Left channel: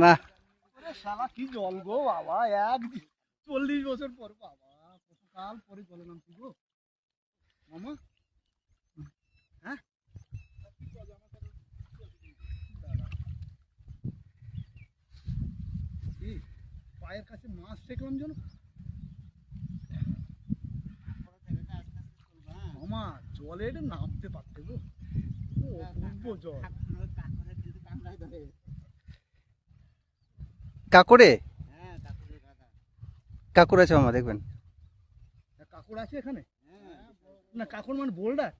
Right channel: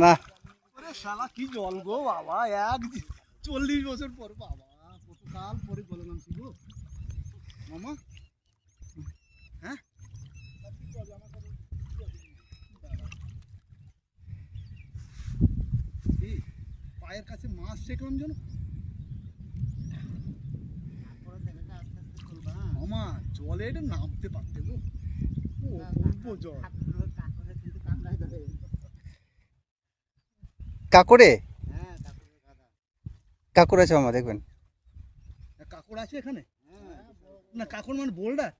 না। শালা, কি জল গো বাবা এক চল্লিশ বছর পর বাবা কত কাল পরে নামছি গো মামা হ্যাঁ কি পায়ের কাছে মাছ দেখলাম যেন। মামা জলে এটা নামতে পারতে গো। অপূর্ব জল। কাকুরে কাকুর আছে মামা দেখবেন। কাকড় আছে এখানে? না কাকড় মানে বোল্ডার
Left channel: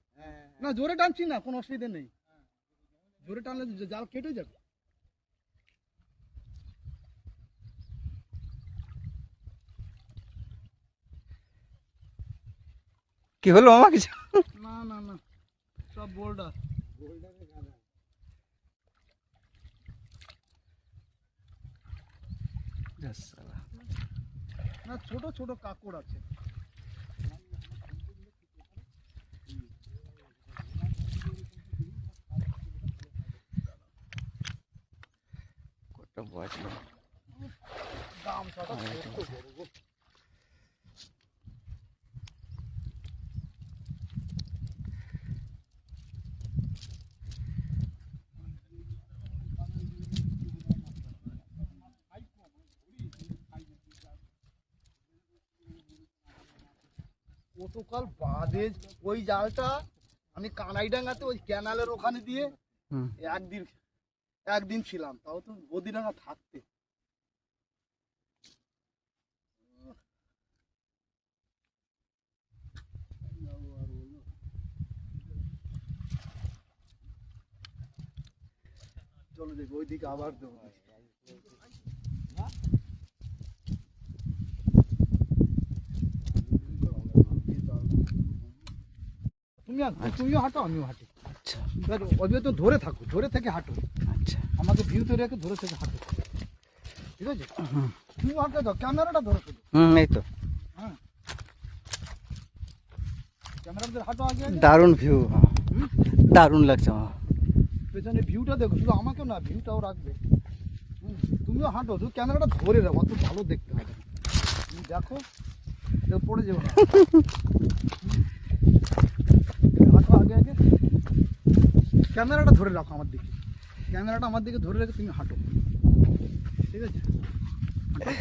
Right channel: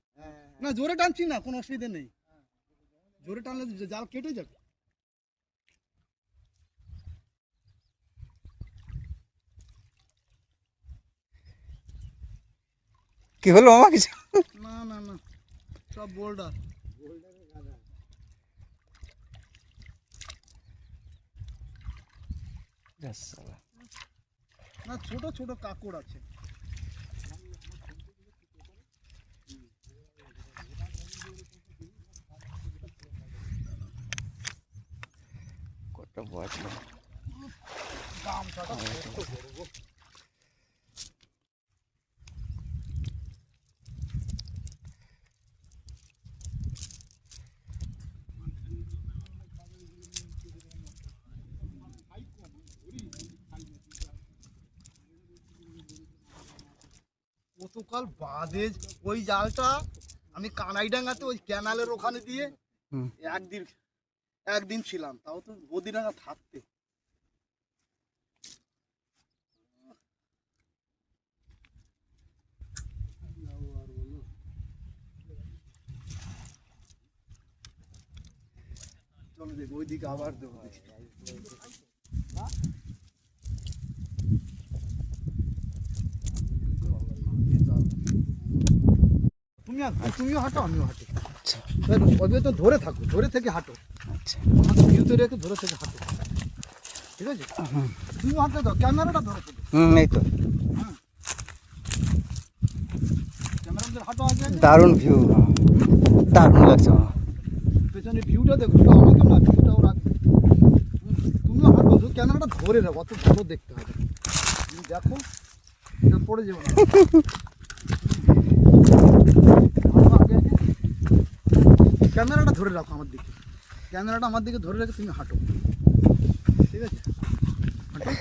না জোরে টানছি না কোনো অসুবিধা নেই। জোরে টানলে জাল কেটে যাবে। কি হলো মামা কিছু না না না। সব বোল্ডার না ছোট ছোট কাকড় আছে। কত বয়স? গামছাটা ছোট্ট কতকাল বাদে ওই জালটা আমি কানাইডাঙ্গাতে ওই ক্যানালের ওখানে দিয়ে একদিন একদিন ছিলাম তাও তো বদিরাঙ্গা থাকতে। চলো দেখো ওইদিকে আবার দেবো। তুমিও হাঁটো আমিও হাঁটি। আচ্ছা। ওইভাবে তো ধরে থাকো ধরে থেকে হাঁটো। আচ্ছা। আমাকে ভিউতে রেখে ধরে থেকে হাঁটো। ঠিক আছে? হুম। তুমি হাঁটতে দাও ক্যামেরাটা ধরো শুধু হুম এই তো। হ্যাঁ। দারুণ ভিউ দারুণ লাগছে পেছনে ভিউটা দেখো শুধু আমাকে না ভিউটাও রাখবে। তুমিও হাঁটো শুধু ক্যামেরাটা ধরে রাখো অত ভালো দেখতে হবে তুমি দেখো এটা পড়ে যাব ক্যামেরাটা ধরে রাখো আমার দিকে। ক্যামেরাটা আমার দিকে ধরে রেখে তুমি হাঁটো। ঠিক আছে? হাঁটো।